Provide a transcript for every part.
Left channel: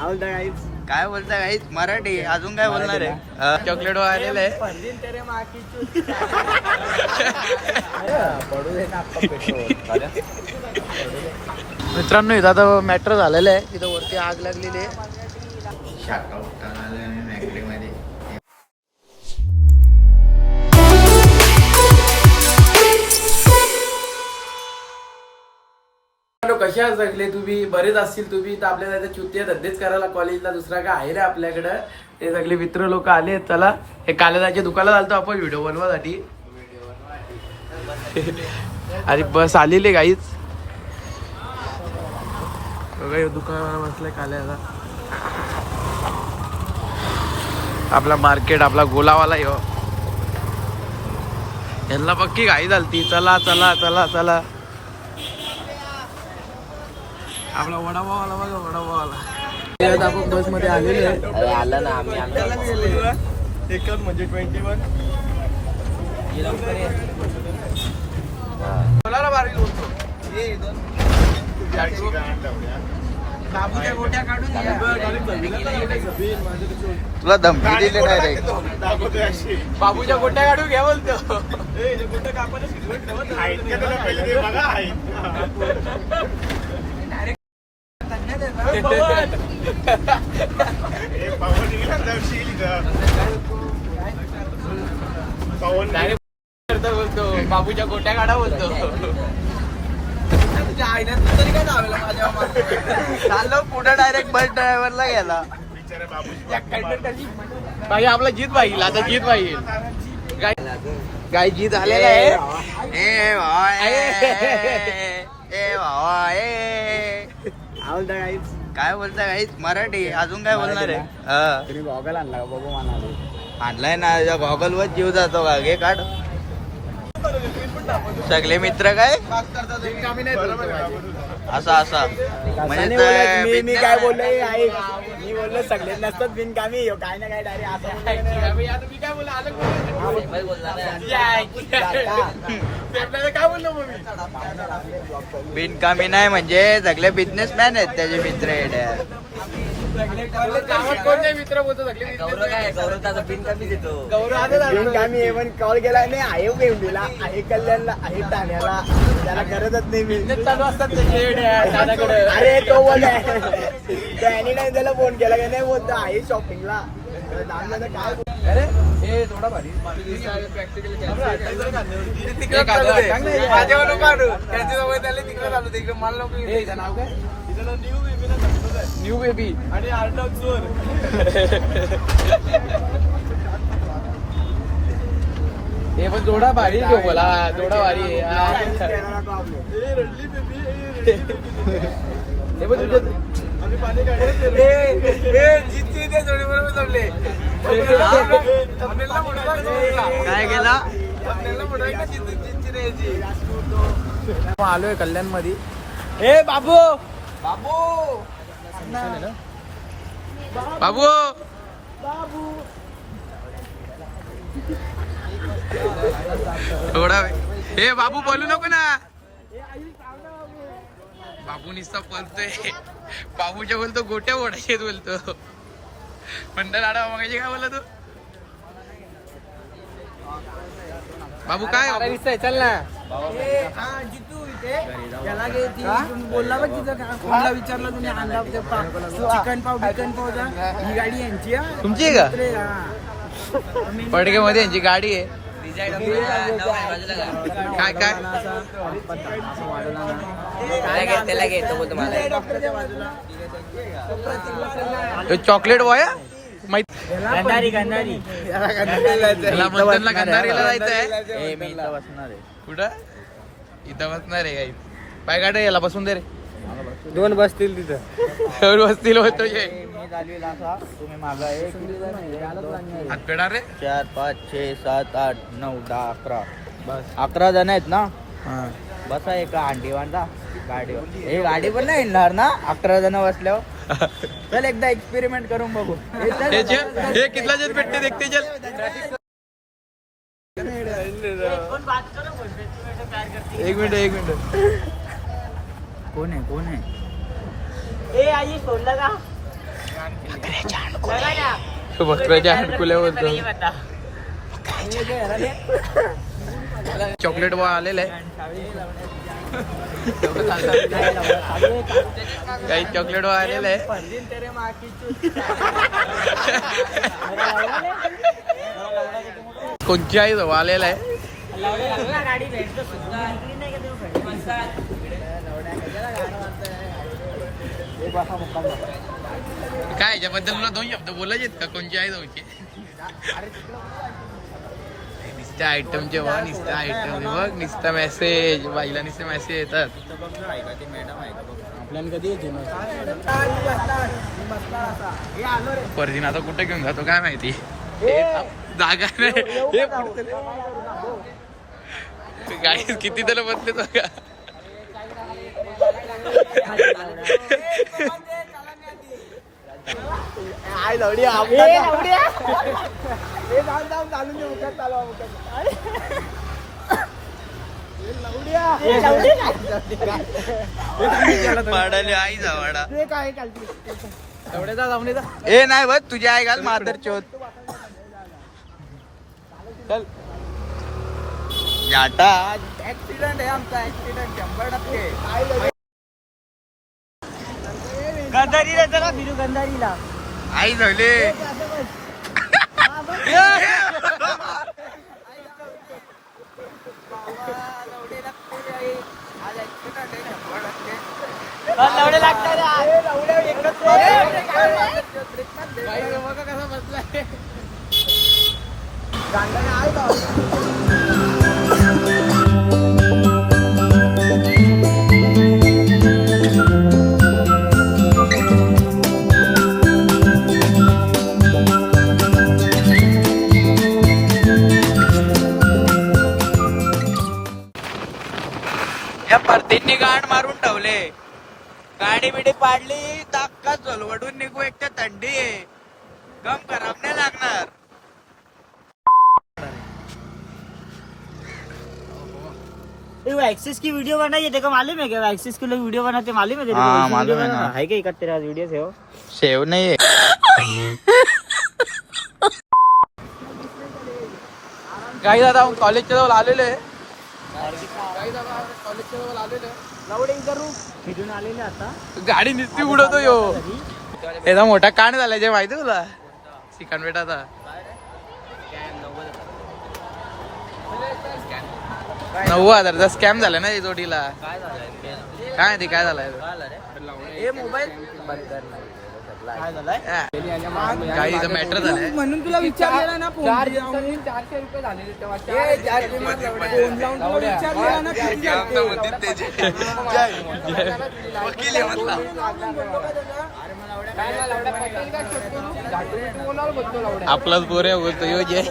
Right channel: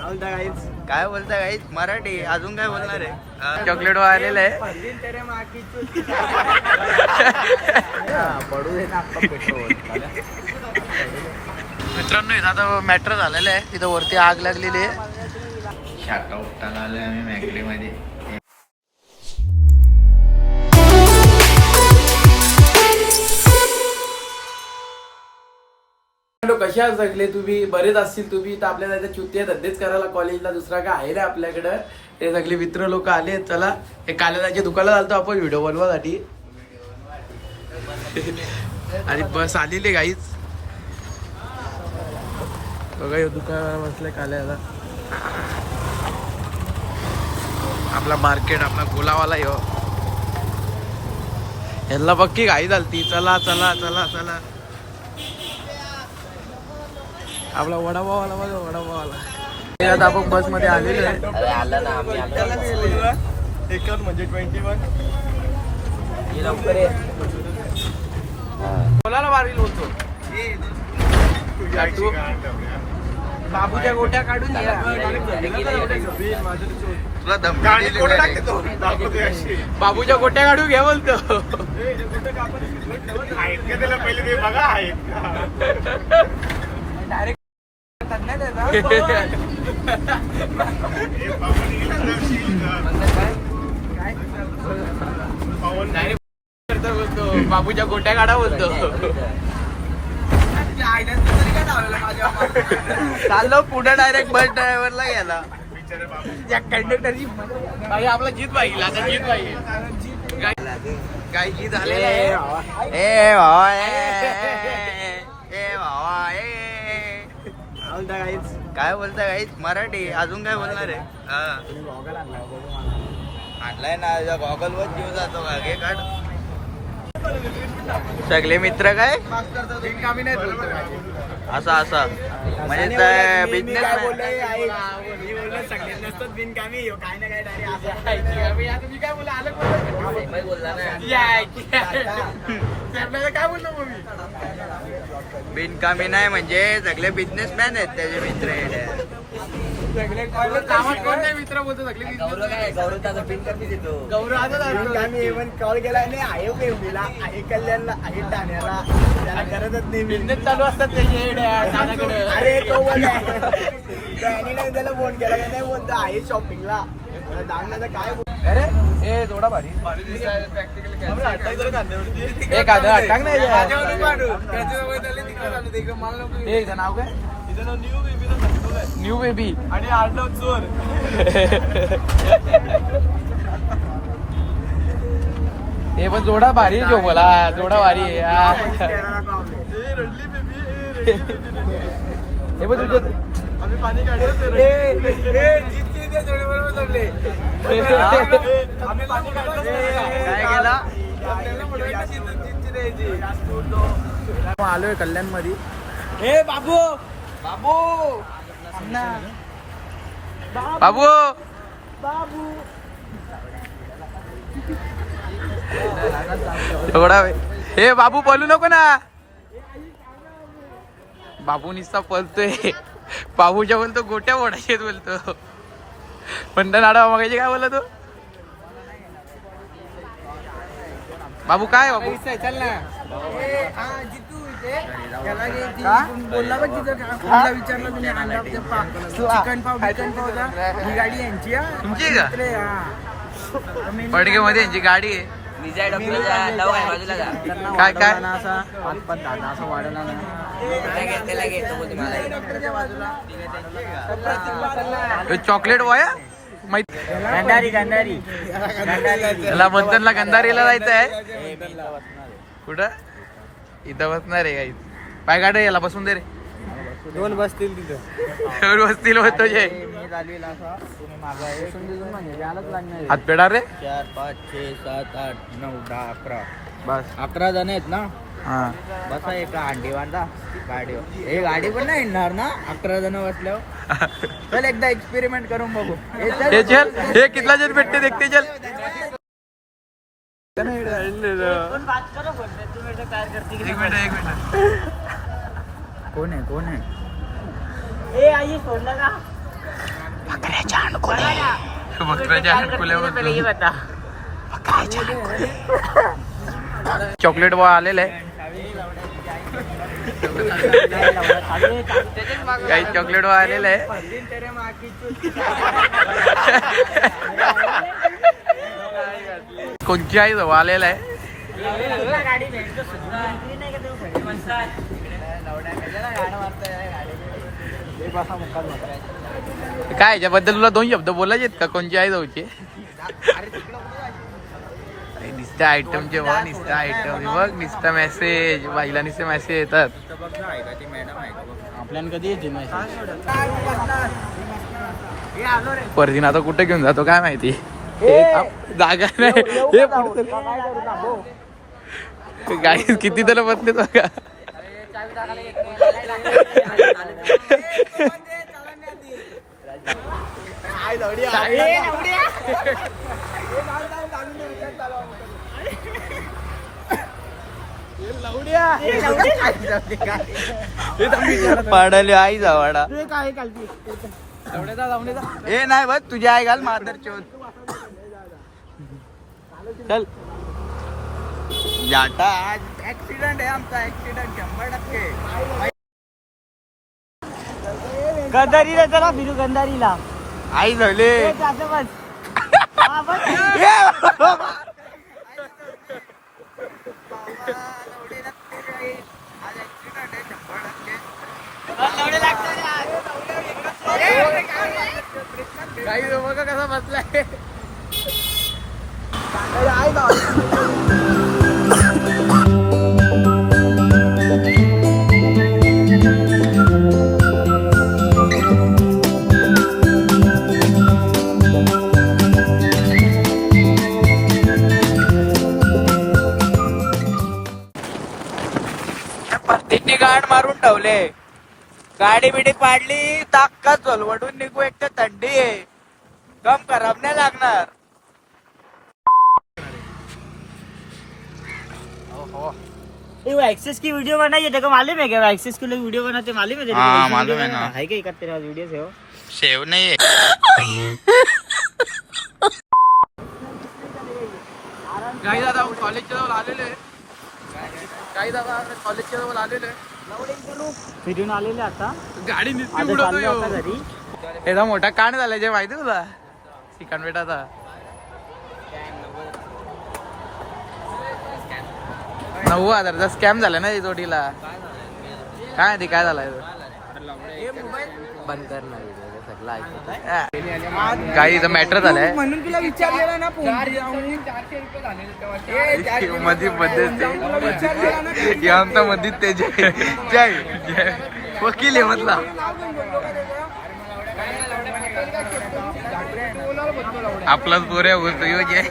काय बोलता गाईस मराठी अजून काय बोलणार आहे चॉकलेट आलेलं आहे मित्रांनो इथं आता मॅटर झालेलं आहे तिथं वरती आग लागलेली आहे शाखा उठायला आलोय आम्ही मॅकडीमध्ये कशा जगले तुम्ही बरेच असतील तुम्ही तर आपल्याला इथे चुत्या धंदेच करायला कॉलेजला दुसरा काय आहे रे आपल्याकडं हे सगळे मित्र लोक आले चला हे कालेजाच्या दुकानात आलतो आपण व्हिडिओ बनवासाठी आणि बस आलेली गाईच बघा दुकानाला बसलाय काल्याला आपला मार्केट आपला गोलावाला यो ह्यांना पक्की घाई झालती चला चला चला चला आपला वडापावाला बघा वडापावाला आपण बस मध्ये आलेलो आहे म्हणजे 21 कोणाला मारील बोलतो बाबूच्या गोट्या काढून तुला धमकी दिली नाही रे बाबूच्या गोट्या काढून घे बोलतो बोलतो बाबूच्या गोट्या काढा बोलतो चाललो पुढे डायरेक्ट बस ड्रायव्हरला गेला बाई आपला जीत पाहिजे आता जीत पाहिजे काय जीत आले ए भावा काय बोलता गाईस मराठी अजून काय बोलणार आहे गॉगल आणला बाबा आणलाय ना गॉगल वर जीव जातो का घे काढ सगळे मित्र काय बिनकामी नाही बोलतो असा असा म्हणजे बिझनेस मी बोललो सगळे नसतात बिनकामी काय ना काय डायरेक्ट असं मी काय बोलला काय बोललो मग मी बिनकामी नाही म्हणजे सगळे बिझनेसमॅन आहेत त्याचे मित्र आहेत मित्र बोलतो सगळे गौरव बिनकामी देतो गौरव कॉल केला नाही आहे केवढीला आहे कल्याणला आहे ठाण्याला त्याला करतच नाही बिझनेस चालू असतात अरे तो त्याने नाही त्याला फोन केला की नाही बोलतो आहे शॉपिंगला दाम दादा काय थोडा भारी प्रॅक्टिकल न्यू बेबी आणि आर्नव चूर हे पण थोडा भारी जो बोला थोडा भारी काय गेला आलोय कल्याण मध्ये ए बाबू बाबू बाबू एवढा हे बाबू बोलू नको ना बाबू निस्ता पळतोय बाबूच्या बोलतो गोट्या ओढायचे बोलतो म्हणता नाडा मग काय बोलला तू बाबू काय बाबू चल ना जितू इथे त्याला बोलला बघ तिथं कोणला विचारला तुम्ही अंडा चिकन पाव बिकन पावचा ही गाडी यांची तुमची आहे का पडके मध्ये यांची गाडी आहे काय काय असं वाढवला ना चॉकलेट बॉय गंधारी गंधारी त्याला मंथनला गंधारीला जायचं आहे कुठं इथं बसणार आहे काही पाय काढ याला बसून दे रे दोन बसतील तिथं सर्व बसतील होतो जे हात पेडा रे 4 5 6 7 8 9 10 11 बस 11 जण आहेत ना हा बसा एका अंडी बांधा गाडीवर हे गाडी पण नाही येणार ना 11 जण बसल्यावर चल एकदा एक्सपेरिमेंट करून बघू हे चल हे कितला जण भेटते देखते चल एक मिनिट कोण आहे ए आई सोडला का बकऱ्याच्या हाडकुल्याबद्दल चॉकलेट बॉय आलेलं आहे काही चॉकलेट बॉय आलेलं आहे कोणची आई जवळ आलेला आहे काय याच्याबद्दल तुला 2 शब्द बोलायचे आहेत का कोणची आई जाऊची निस्त्या आयटमचे बघ निस्त्या आयटम बघ निस्ता मेसेज बाईला निस्ते मेसेज येतात परदीन आता कुठे घेऊन जातो काय माहिती जागा नाही हे गाडी किती त्याला बसले बघा पाडाले आई जावाडा ए नाही बघ तुझ्या आई घाल मादर चोत चल जाटा आज ऍक्सिडेंट आहे आमचा ऍक्सिडेंट 100%. गंधारीला चला बिरू गंधारीला आई झाले बघा कसा बसलाय या परतींनी गाड मारून ठेवले गाडी बिडी पाडली ताक्का चलवडून निघू एक तर थंडी आहे गम खराब नाही लागणार एक्सेस की वीडियो बनाई है, देखो मालूम है क्या? एक्सेस के लोग वीडियो बनाते मालूम है? हाँ मालूम है ना. है क्या इकट्ठे वीडियो से हो सेव नहीं है. काही दादा कॉलेजच्या जवळ आलेले काही दादा कॉलेजच्या जवळ आलेले फिरून आलेले आता गाडी नुसती उडवतो यो याचा मोठा कांड झालाय जे माहिती तुला चिकन बेटाचा 9,000चा स्कॅम झाला ना जोडीला काय माहिती काय झालाय काही इथं मॅटर झालंय म्हणून तुला विचारलेला ना वकील आपलाच बोऱ्या बोलतो योग्य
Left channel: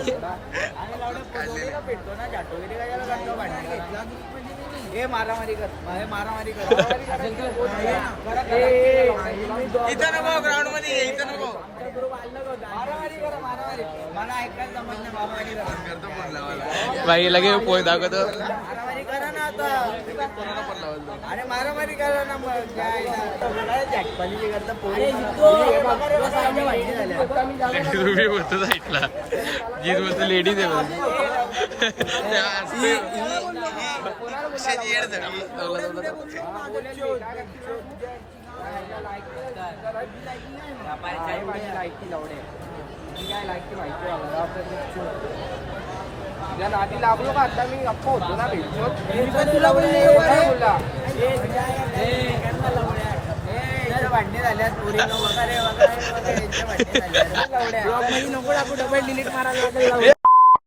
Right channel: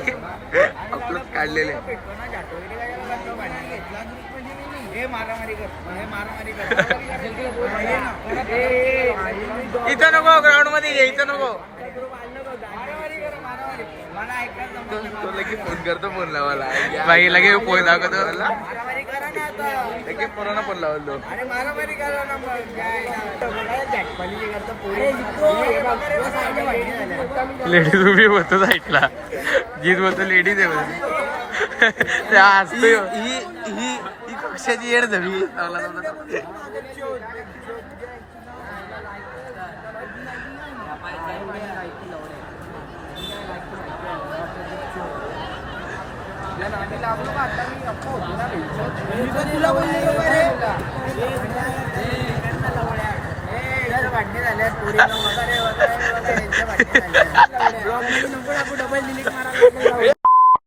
काढलेले मारामारी कर मारामारी कर इथं नको ग्राउंड मध्ये ये, इथं नको बाई लगे पोय दाखवतो मारामारी करा ना आता अरे मारामारी करा ना लेडीज उभी होतो साईडला जीत बोलतो लेडीज आहे बोलतो त्या असतो कशाची येड झाली लागलो का आता मी गप्प होतो ना तुला बोलले भांडणे झाल्यात नको टाकू डबल डिलीट करा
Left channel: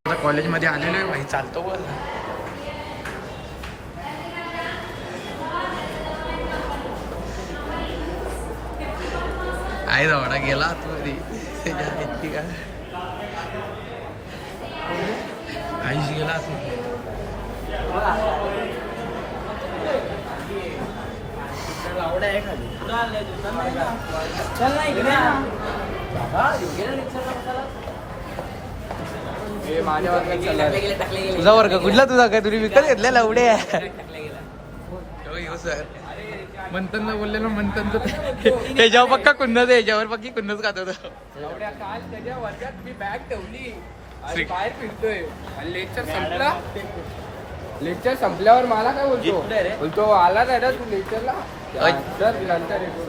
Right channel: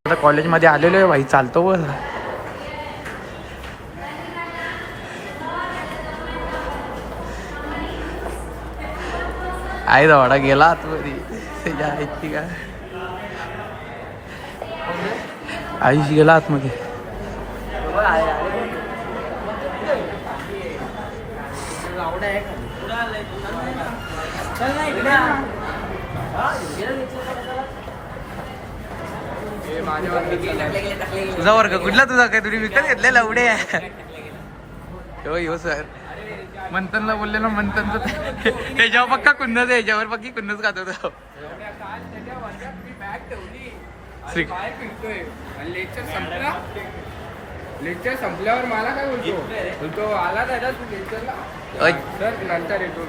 आता कॉलेजमध्ये आलेलो आहे भाई चालतो बोल आई दाडा गेला आतमध्ये त्याच्या आईची का आईशी गेला आतमध्ये तुझा वर्ग कुठला तुझा काय तुम्ही विकत घेतलेला एवढे हो सर मंथनला बोलले ना मंथनचं ह्याच्यावर पक्का कुंदच आहे, ह्याच्यावर पक्की कुंदच खात होतो. श्री लेक्चर संपल्यावर मला काय बोलतो आला नाही ना तू लेक्चरला सर नंतर येतो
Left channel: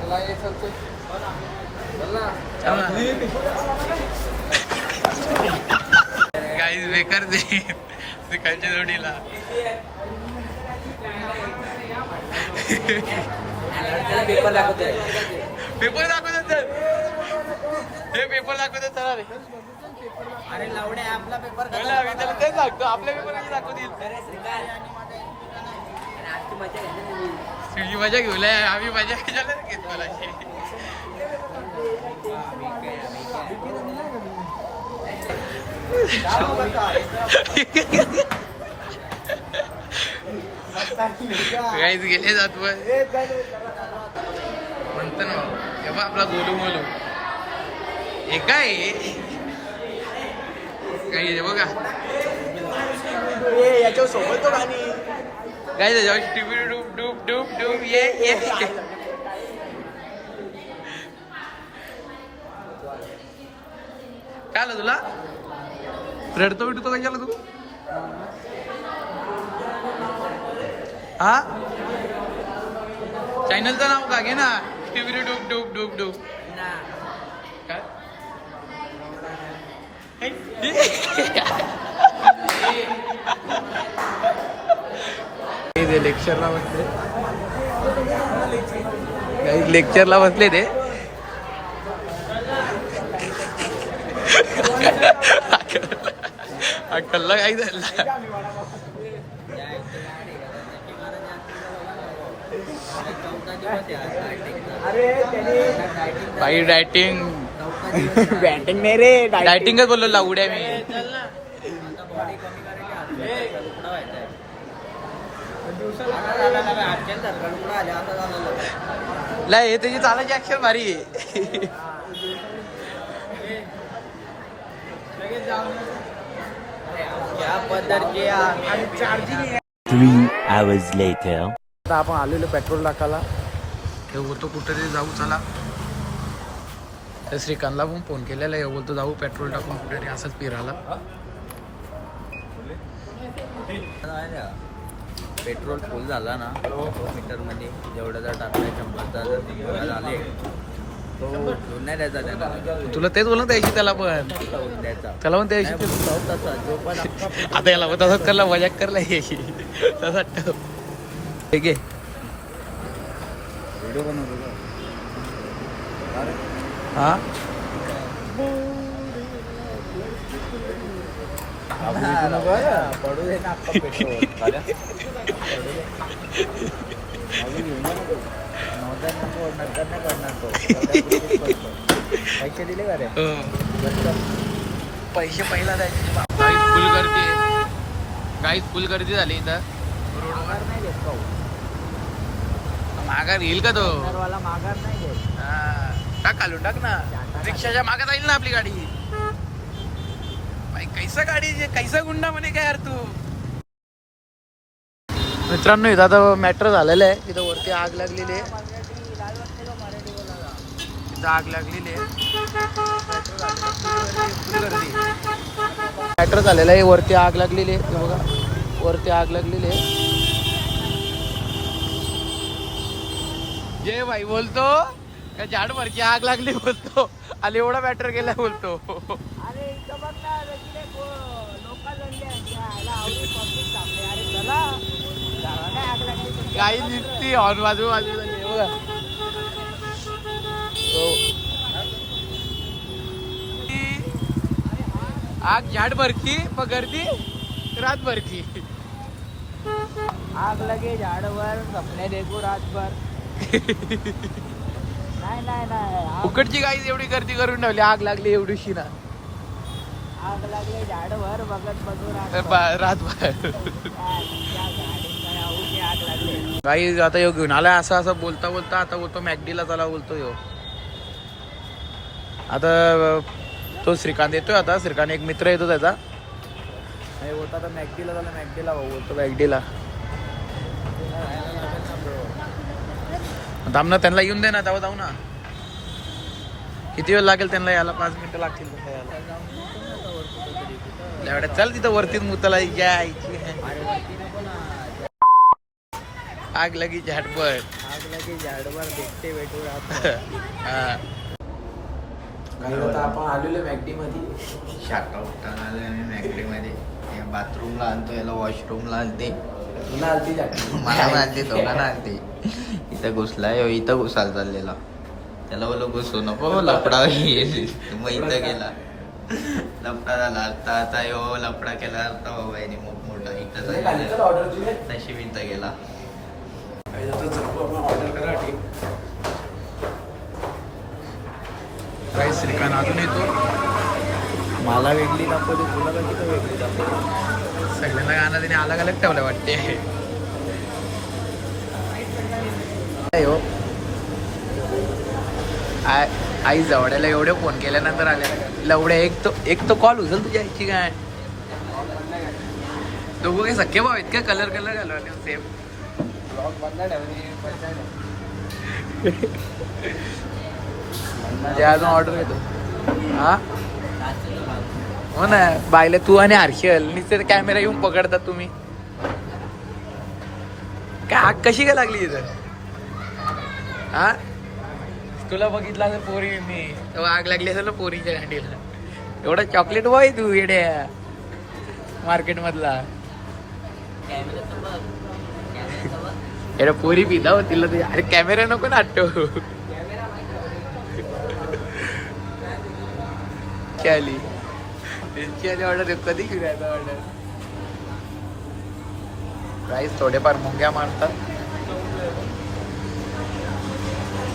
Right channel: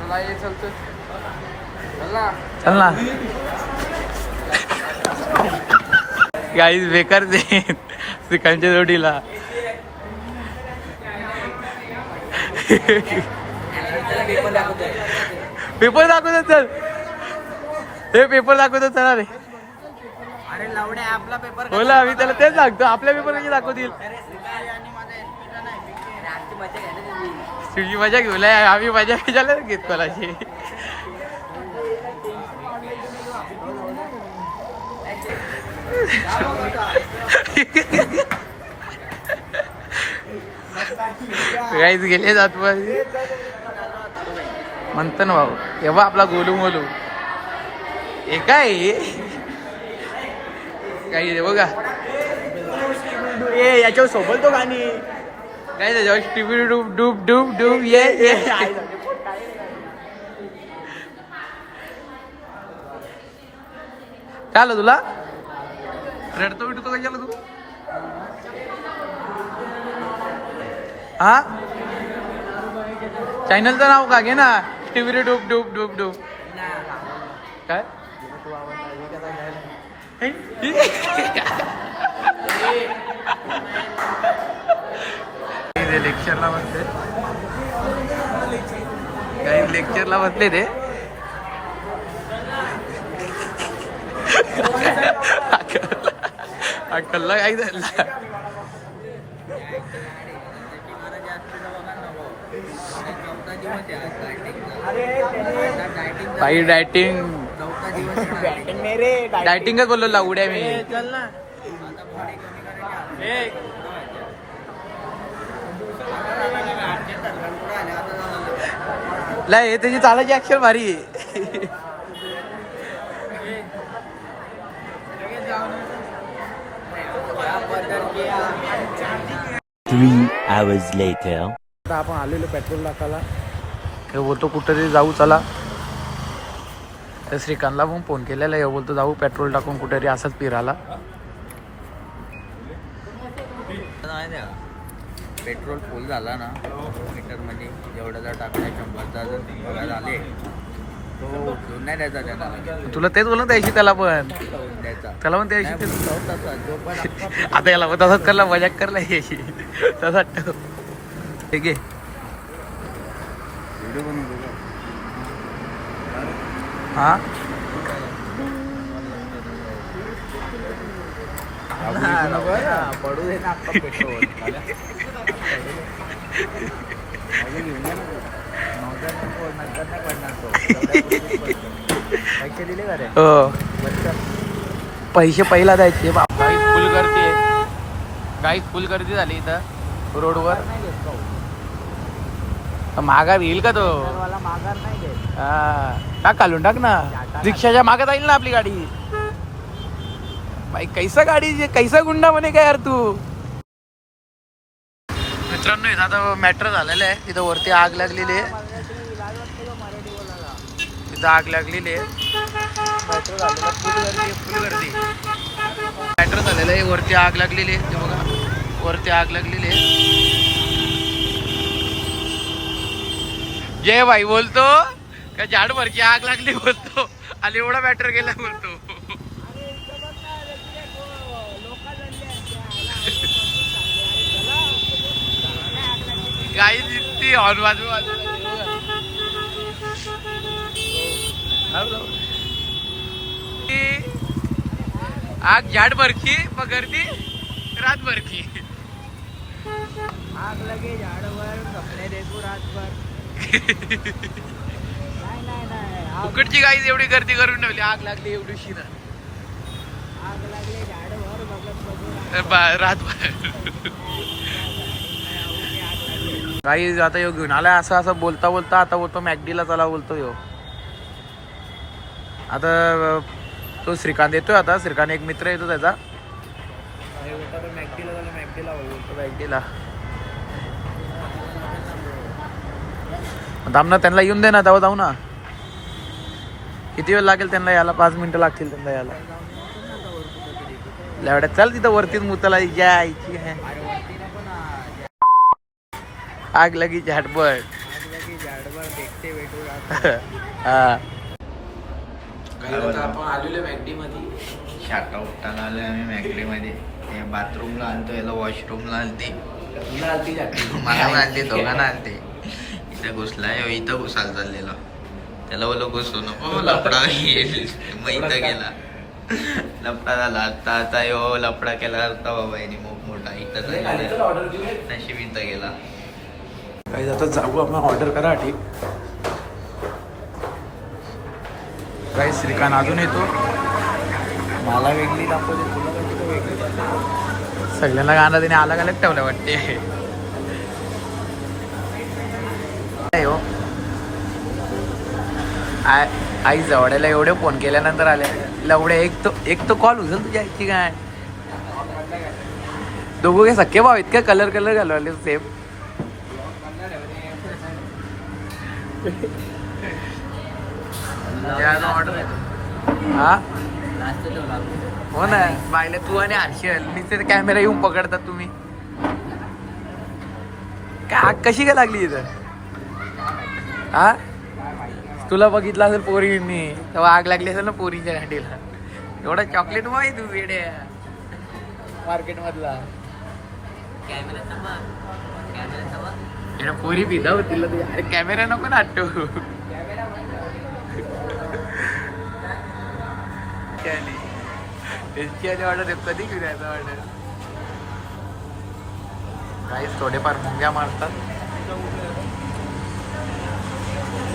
मला हे सांगतो चल ना गाईज बेकार दे श्रीकांतच्या जोडीला. पेपर दाखवतात चल, हे पेपर दाखवतात चला रे. अरे लावड्या आपला पेपर बोला आम्ही त्याला तेच सांगतो, आपल्या पेपर कधी दाखवतील. तुझी मजा घेऊला आम्ही मजा कशाला घेत कोणाशी. काहीच गेले जात म्हणतो ना भाऊ तेव्हा आपला गोलू मोलू हे काय काही बघा याच्या सोबत तो गाणी काय त्याच्यावर टीव्ही डूब डूब डूब डूब ये काय आलं तुला रडतो बिटतो कशाला तू हा चॅनलचं नाव का घे ना टीव्ही डूब डूब डूब डूब काय लेक्चरला बसले काही लेक्चरला बसले ते अक्कलला काही झालं काही डायटिंग बॅटिंग नाही रे डायटिंगच बोललो लावड्या मी हे त्याची चालायची ऍक्शन भारी आहे. 3 hours later. आता आपण आलेलो पेट्रोल टाकायला हे बोलतो कुठेतरी जाऊ चला तर श्रीकांतला पण फोन केलेला हे बोलतो जाऊ पेट्रोल टाकून कुठेतरी असंच फिरायला. पेट्रोल फुल झाला ना मीटर मध्ये जेवढा जर टाकलाय 100चा जर 100 झाले तो उचलून नाही द्यायचा त्यांना. तुला तेच बोल द्यायची त्याला पण द्यायचा त्याला पण द्यायची तसा जो पण आता याला पण तसाच करला मजाक करला यायची तसा ठीक आहे. व्हिडिओ बनवतो हा पडू दे ना पेट्रोल घेऊन नंतर नाही पडणार तो पैसे दिले का रे पैसे पहिला द्यायचे गाईच फुल गर्दी आहे गाईच फुल गर्दी झाली इथं रोडवर नाही घेत भाऊ माघार येईल का तो वाला माघार नाही घेत. हा टाक घालून टाक ना रिक्षाच्या मागे जाईल ना आपली गाडी. भाई कैसा गाडी कैसा गुंडा म्हणे काय यार तू. मित्रांनो इथं आता मॅटर झालेलं आहे तिथं वरती आग लागलेली आहे तिथं आग लागलेली आहे फुल गर्दी मॅटर झालेलं आहे वरती आग लागलेली आहे ते बघा वरती आग लागलेली आहे. जय भाई बोलतो का झाड भरची आग लागली बोलतो आणि एवढा मॅटर गेला बोलतो. गाई दिसती हॉर्न बाजू आग झाड भरची मग गर्दी रात भरची आग लगे झाडवर कपडे देखू रातभर नाही नाही नाही उकडची गाई एवढी गर्दी करून ठेवली आग लागली एवढीशी ना आग लागले झाडवर बघत बघू रातभर काही आता यो घेऊन आलाय असं असं बोलता बोलता आता बोलतो मॅकडीला चला बोलतो यो. आता तो श्रीकांत येतोय आता श्रीकांत एक मित्र येतो त्याचा बोलता तर मॅकडीला झालं मॅकडीला बोलतो मॅकडीला थांब ना, त्यांना येऊन दे ना, तेव्हा जाऊ ना. किती वेळ लागेल त्यांना यायला? 5 मिनिटं लागतील त्यांना यायला. एवढ्यात चाल तिथं वरतीच मुताला यायची आहे. अरे वरती नको ना, आग लगी झटपट. आग लगी झाडवर देखते भेटू राहतो. हा, आपण आलेलो मॅगडी मध्ये. शाटा उठताना आलोय आम्ही मॅगडी मध्ये. बाथरूमला आणतो, याला वॉशरूमला आणते. मला पण आणते, दोघांना आणते. इथं घुसलाय, इथं घुसायला चाललेला. त्याला बोलो घुसू नको, लपडा येईल. मग इथं गेला, लपडा झाला. आता यो लपडा केला होता बाबा याने मोठा. इथं नशीब इथं गेला. काही आता जाऊ आपण ऑर्डर करा. ठीक, काही श्रीकांत अजून येतो. मला वेगळी दाखवते, तुला कशी तर वेगळी दाखवते. सगळ्यांना गाणं त्याने अलग अलग ठेवलं वाटते. हो, आई जवळ्याला एवढे फोन केल्यानंतर आले लवड्या. एक तो कॉल उचल तुझ्या आईची काय. दोघं काही सख्खे भाव आहेत का? कलर घालवले सेम. ऑर्डर हा, हो ना. बायले तू आणि हर्षल नुसते कॅमेरा येऊन पकडतात तुम्ही. काय आग कशी काय लागली इथं? हा, तुला बघितलं असेल पोरींनी तेव्हा आग लागली असेल ना पोरींच्या गाडीला. एवढा चॉकलेट बॉय तू येड्या मार्केट मधला. एवढा पोरी पिता हो तिला. अरे कॅमेरा नको ना आठव. त्यांची ऑर्डर कधी घेऊन ऑर्डर. काहीच थोडेफार मुंग्या मारतात.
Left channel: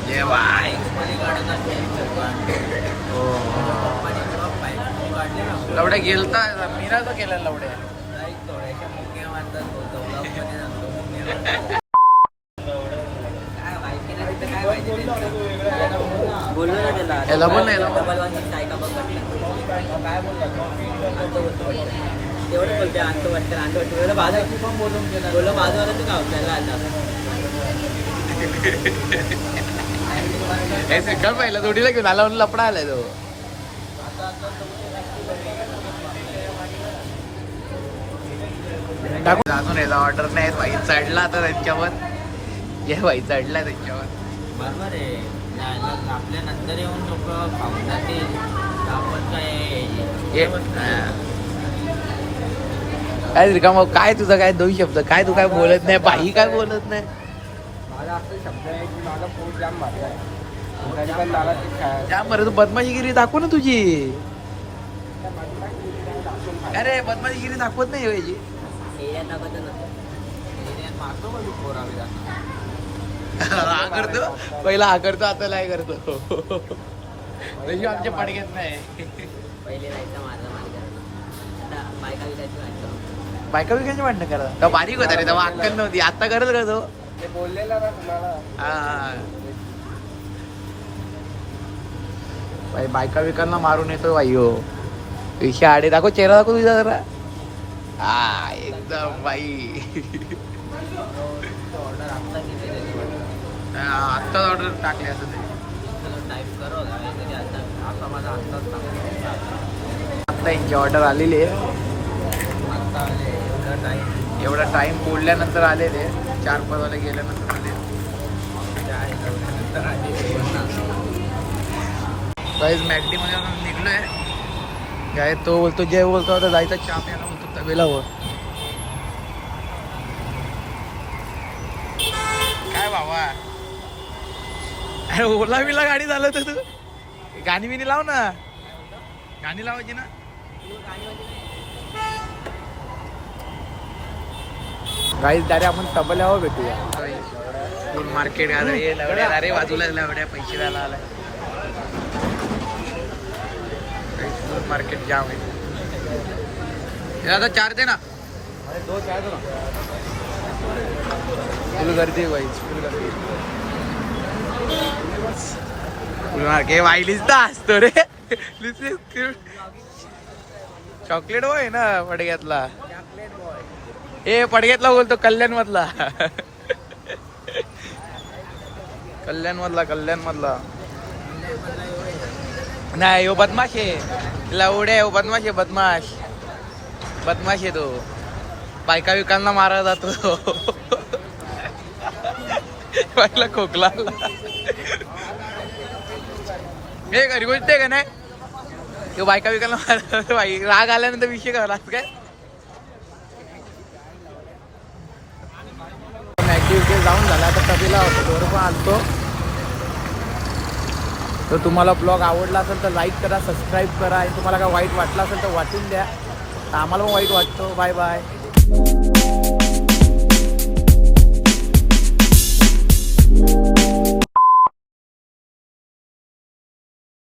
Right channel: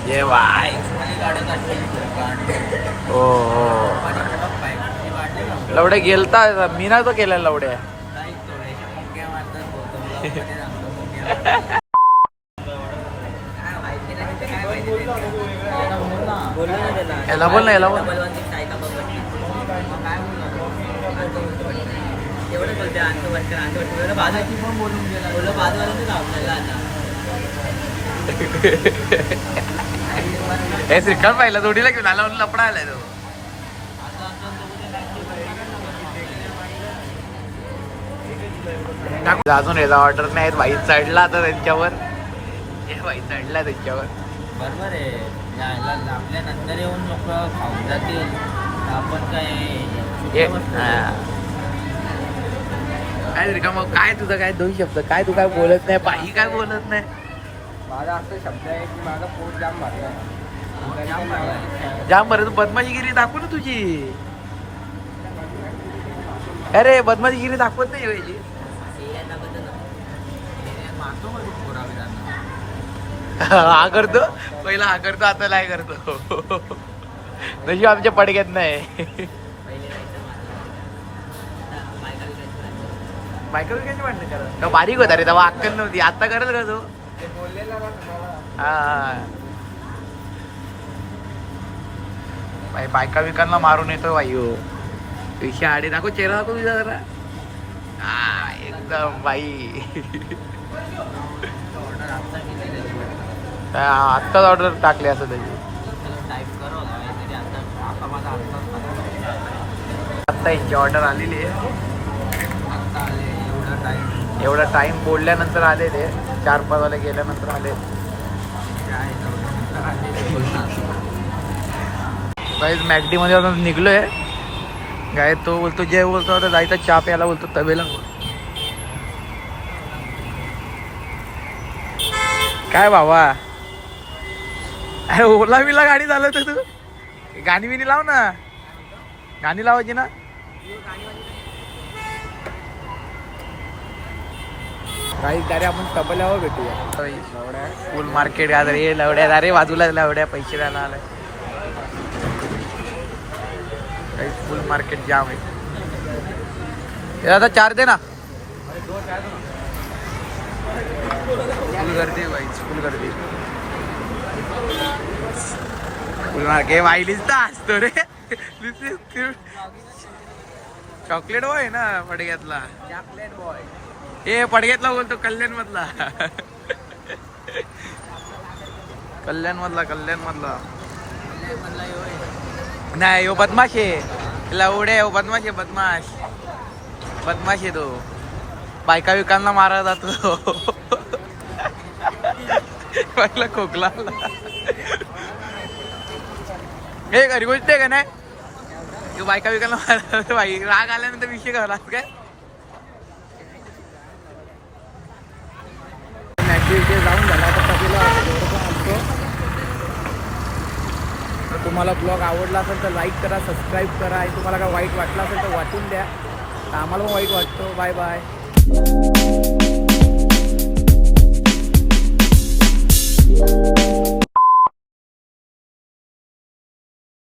ये बाय. हो लवड्या गेलता, मी ना तो केला लवड्या. बोललो ना त्याला, याला बोल ना, याला बोल. तेवढं बोलते आणतो वाटतं बाजारची पण बोलून गेला. बोललो बाजाराचं गाव आपल्याला आता. हे श्रीकांत पाहिला जोडीला घेऊन आला म्हणून लपडा आलाय तो. अजून याला ऑर्डर नाही. वाईट चढला आता त्यांच्यावर. वाईट चढलाय त्यांच्यावर. बरोबर आहे. आपल्या नंतर येऊन लोक खाऊन जातील. आपण काय श्रीकांत काय तुझं काय 2 शब्द काय? तू काय बोलत नाही, बाई काय बोलत नाही. माझा असं शब्द आहे की माझा पोट जाम भरलाय. जाम बरं. तू बदमाशीगिरी दाखव ना तुझी. अरे बदमाशीगिरी दाखवत नाही पाहिजे. हा करतो पहिला, हा करतो आता नाही करतो. तशी आमच्या पडक्यात नाही. बायका विकायची भांडणं करा का? बारीक होता रे तेव्हा, अक्कल नव्हती. आता करत का तो? हा, बायका विकांना मारून येतो बाई. हो पेशा आडे दाखव, चेहरा दाखव तुझा जरा. हा एकदम बाई. आत्ताच ऑर्डर टाकली असं त्याची. आत्ता यांची ऑर्डर आलेली आहे. एवढा टाइम बोलल्यानंतर आले ते. 4-5 वाले गेल्यानंतर आले. काहीच मॅगडी मध्ये निघलोय. काय तो बोलतो, जे बोलतो आता जायचा चहा प्यायला बोलतो तबेला वर. काय बाबा, अरे ओला बिला गाडी चालवतो तू. गाणी बिनी लाव ना, गाणी लावायची ना. गाईस डायरेक्ट आपण तबल्यावर भेटूया. फुल मार्केट गाजर हे लवड्या. अरे बाजूला लवड्या पैसे द्यायला आलाय. फुल मार्केट जाम आहे. आता 4 दे ना. फुल गर्दी बाई, फुल गर्दी. फुल मार्केट वाईलीच तर असतो रे. चॉकलेट बॉय ना पडग्यातला. हे पडग्यातला बोलतो, कल्याण मधला. कल्याण मधला नाही हो बदमाश आहे लावडे हो बदमाश आहे बदमाश आहे तो बायका विकांना मारा जातो बाईला खोकला आला. हे खरी गोष्ट आहे का नाही तो बायका विकांना मारा बाई राग आल्यानंतर विषय करा काय मॅगडी इथे जाऊन झाला आता कधीला हॉटेलवर पण आलतो. तर तुम्हाला ब्लॉग आवडला असेल तर लाईक करा सबस्क्राईब करा आणि तुम्हाला काय वाईट वाटलं असेल तर वाटून द्या. तर आम्हाला पण वाईट वाटतो. Bye bye.